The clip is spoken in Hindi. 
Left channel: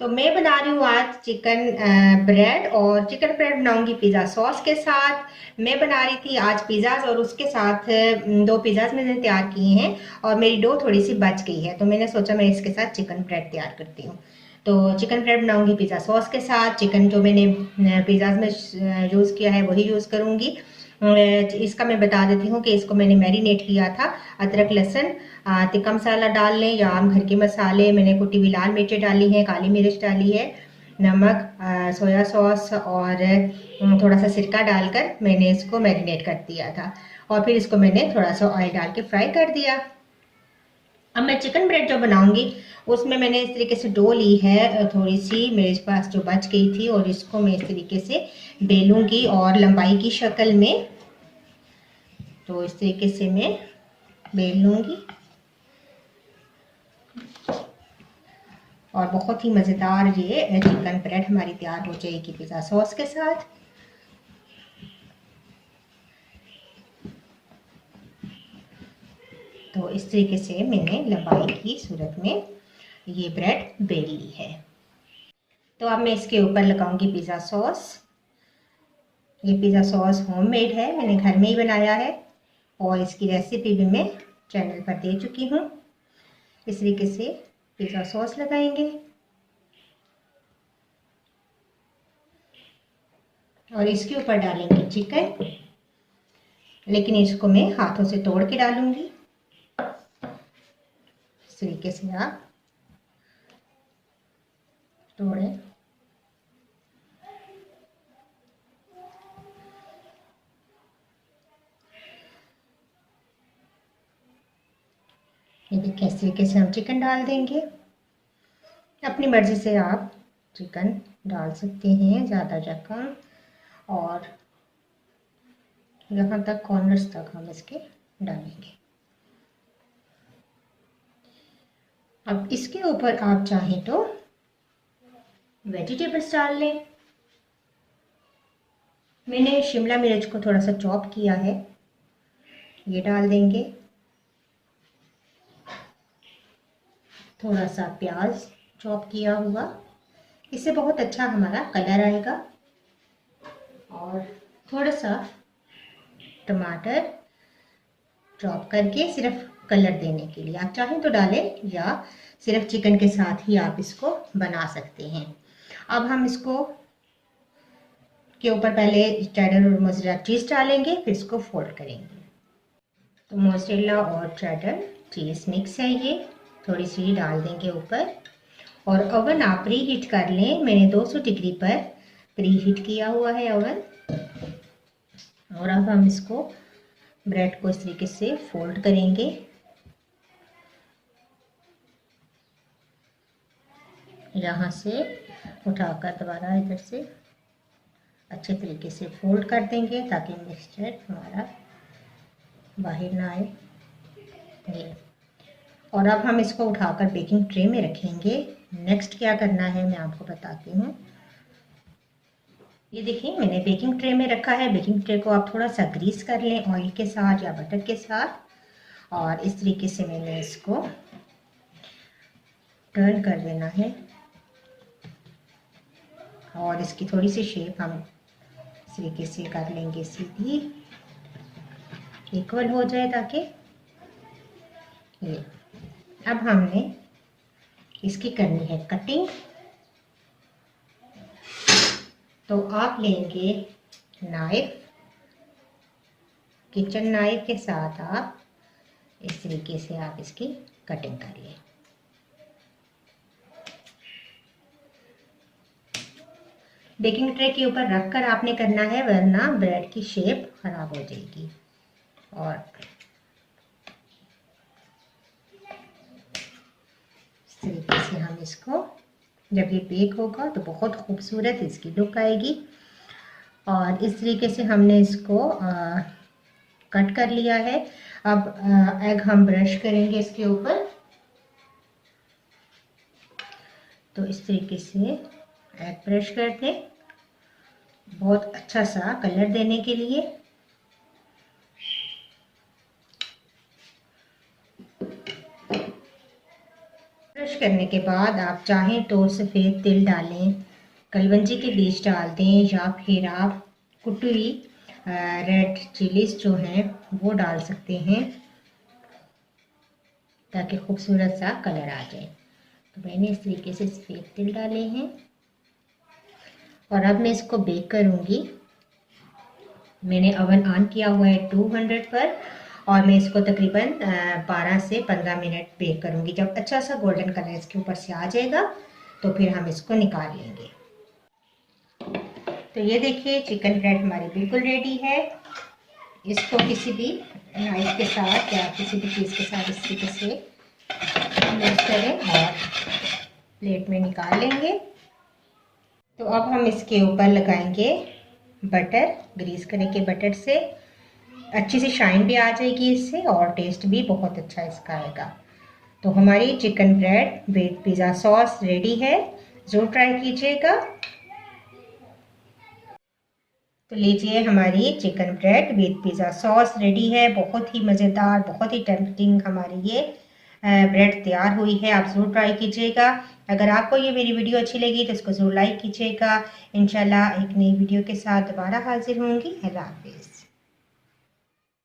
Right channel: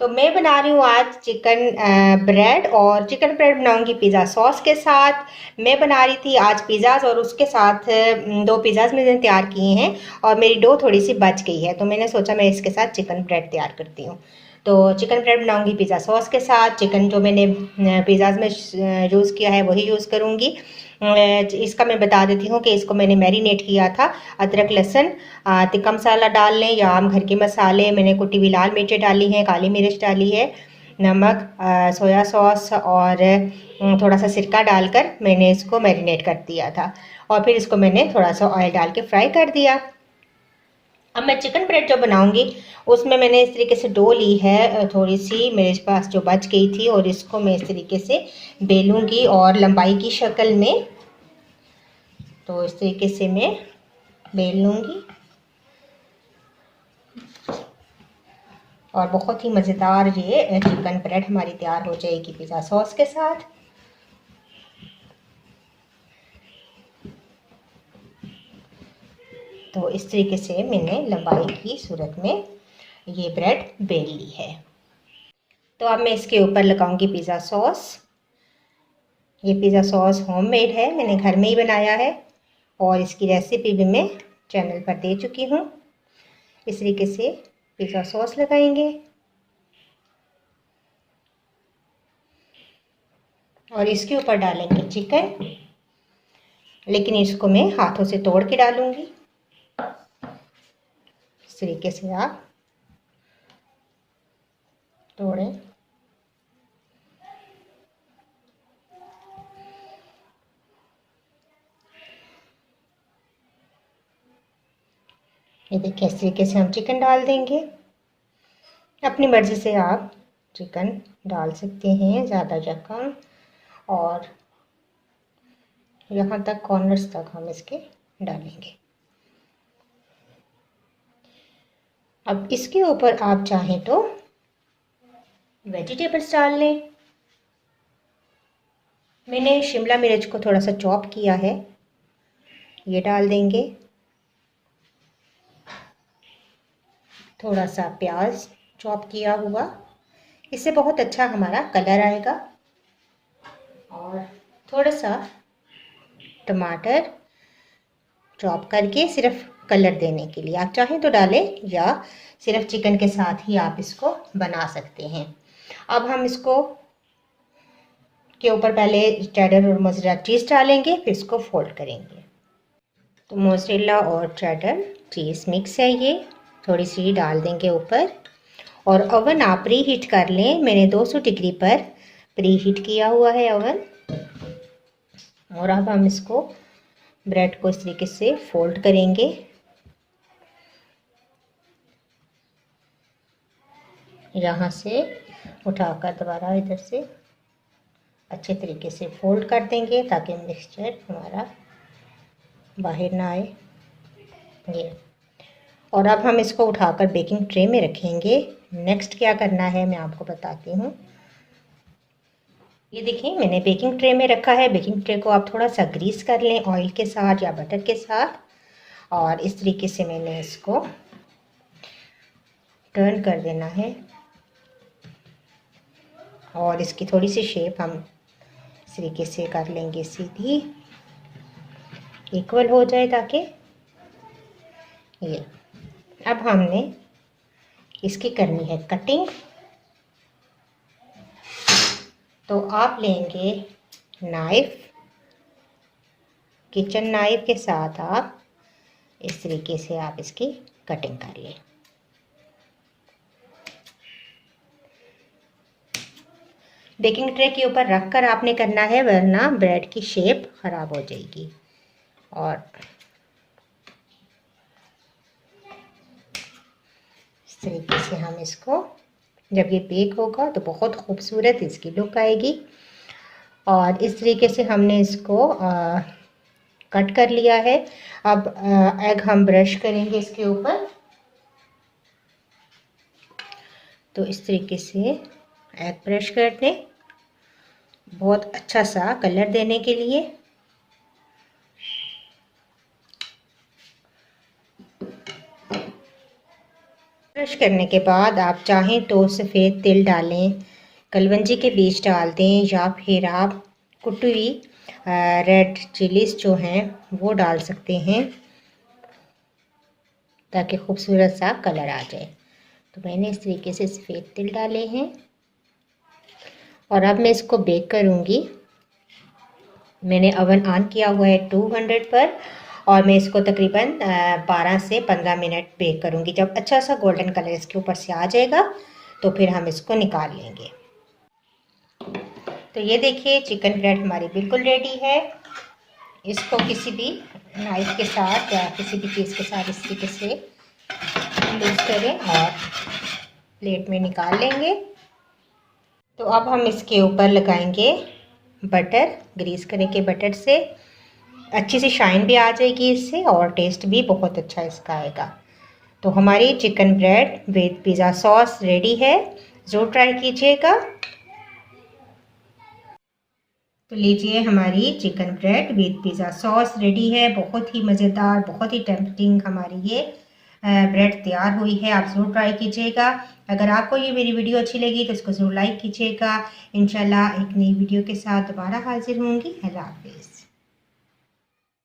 तो मैं बना रही हूँ आज चिकन ब्रेड और चिकन ब्रेड बनाऊंगी पिज़्ज़ा सॉस के साथ। मैं बना रही थी आज पिज़्ज़ाज और उसके साथ दो पिज़्ज़ाज मैंने तैयार किए हैं और मेरी डो थोड़ी सी बच गई है तो मैंने सोचा मैं इसके साथ चिकन ब्रेड तैयार करती हूँ। तो चिकन ब्रेड बनाऊंगी पिज़्ज़ा सॉस के साथ। चिकन जो मैंने पिज़्ज़ाज में यूज़ किया है वही यूज़ करूँगी। इसका मैं बता देती हूँ कि इसको मैंने मैरिनेट किया था। अदरक लहसुन तिक्का मसाला डाल लें या आम घर के मसाले, मैंने कुटी हुई लाल मिर्चें डाली हैं, काली मिर्च डाली है, नमक, सोया सॉस और थोड़ा सा सिरका डालकर मैंने इसको मैरिनेट कर दिया था और फिर इसको मैंने थोड़ा सा ऑयल डाल के फ्राई कर दिया। अब मैं चिकन ब्रेड जो बनाऊंगी उसमें मैंने इस तरीके से डो ली है, थोड़ी सी मेरे पास जो बच गई थी, और इसको मैं इस तरीके से बेलूंगी और लंबाई की शक्ल में। तो इस तरीके से मैं बेल लूँगी और बहुत ही मज़ेदार ये चिकन ब्रेड हमारी तैयार हो जाएगी पिज़्ज़ा सॉस के साथ। तो इस तरीके से मैंने लंबाई की सूरत में ये ब्रेड बेल ली है। तो अब मैं इसके ऊपर लगाऊंगी पिज़्ज़ा सॉस। ये पिज़्ज़ा सॉस होममेड है, मैंने घर में ही बनाया है और इसकी रेसिपी भी मैं चैनल पर दे चुकी हूँ। इस तरीके से पिज़्ज़ा सॉस लगाएंगे और इसके ऊपर डालेंगे चिकन, लेकिन इसको मैं हाथों से तोड़ के डालूंगी। इस तरीके से आप तोड़ें। ये देखिए इस तरीके से हम चिकन डाल देंगे। अपनी मर्ज़ी से आप चिकन डाल सकते हैं, ज़्यादा या कम, और यहाँ तक कॉर्नर्स तक हम इसके डालेंगे। अब इसके ऊपर आप चाहें तो वेजिटेबल्स डाल लें। मैंने शिमला मिर्च को थोड़ा सा चॉप किया है, ये डाल देंगे। थोड़ा सा प्याज चॉप किया हुआ, इससे बहुत अच्छा हमारा कलर आएगा। और थोड़ा सा टमाटर चॉप करके सिर्फ कलर देने के लिए, आप चाहें तो डालें या सिर्फ चिकन के साथ ही आप इसको बना सकते हैं। अब हम इसको के ऊपर पहले चेडर और मोज़रेला चीज़ डालेंगे, फिर इसको फोल्ड करेंगे। तो मोज़रेला और चेडर चीज़ मिक्स है, ये थोड़ी सी डाल देंगे ऊपर। और ओवन आप प्री हीट कर लें, मैंने 200 डिग्री पर प्री हीट किया हुआ है ओवन। और अब हम इसको ब्रेड को इस तरीके से फोल्ड करेंगे। यहाँ से उठाकर दोबारा इधर से अच्छे तरीके से फोल्ड कर देंगे ताकि मिक्सचर हमारा बाहर ना आए। ये, और अब हम इसको उठाकर बेकिंग ट्रे में रखेंगे। नेक्स्ट क्या करना है मैं आपको बताती हूँ। ये देखिए मैंने बेकिंग ट्रे में रखा है। बेकिंग ट्रे को आप थोड़ा सा ग्रीस कर लें ऑयल के साथ या बटर के साथ, और इस तरीके से मैंने इसको टर्न कर देना है और इसकी थोड़ी सी शेप हम इस तरीके से कर लेंगे, सीधी इक्वल हो जाए ताकि ये। अब हमने इसकी करनी है कटिंग। तो आप लेंगे नाइफ, किचन नाइफ के साथ आप इस तरीके से आप इसकी कटिंग कर लें। बेकिंग ट्रे के ऊपर रखकर आपने करना है, वरना ब्रेड की शेप खराब हो जाएगी। और इस तरीके से हम इसको, जब ये बेक होगा तो बहुत खूबसूरत इसकी लुक आएगी। और इस तरीके से हमने इसको कट कर लिया है। अब एग हम ब्रश करेंगे इसके ऊपर। तो इस तरीके से एग ब्रश कर दें, बहुत अच्छा सा कलर देने के लिए। क्रश करने के बाद आप चाहें तो सफ़ेद तिल डालें, कलवंजी के बीज डाल दें, या फिर आप कुटी हुई रेड चिलीज जो हैं वो डाल सकते हैं ताकि खूबसूरत सा कलर आ जाए। तो मैंने इस तरीके से सफ़ेद तिल डाले हैं और अब मैं इसको बेक करूँगी। मैंने ओवन ऑन किया हुआ है 200 पर और मैं इसको तकरीबन 12 से 15 मिनट बेक करूँगी। जब अच्छा सा गोल्डन कलर इसके ऊपर से आ जाएगा तो फिर हम इसको निकाल लेंगे। तो ये देखिए चिकन ब्रेड हमारी बिल्कुल रेडी है। इसको किसी भी नाइफ के साथ या किसी भी चीज़ के साथ इस तरीके से यूज़ करें और प्लेट में निकाल लेंगे। तो अब हम इसके ऊपर लगाएंगे बटर, ग्रीस करेंगे बटर से, अच्छी सी शाइन भी आ जाएगी इससे और टेस्ट भी बहुत अच्छा इसका आएगा। तो हमारी chicken bread with pizza sauce ready है, ज़रूर ट्राई कीजिएगा। तो लीजिए हमारी chicken bread with pizza sauce ready है। बहुत ही मज़ेदार, बहुत ही टेम्पटिंग हमारी ये ब्रेड तैयार हुई है। आप ज़रूर ट्राई कीजिएगा। अगर आपको ये मेरी वीडियो अच्छी लगी तो इसको ज़रूर लाइक कीजिएगा। इंशाल्लाह एक नई वीडियो के साथ दोबारा हाजिर होंगी। अल्लाह हाफ़िज़।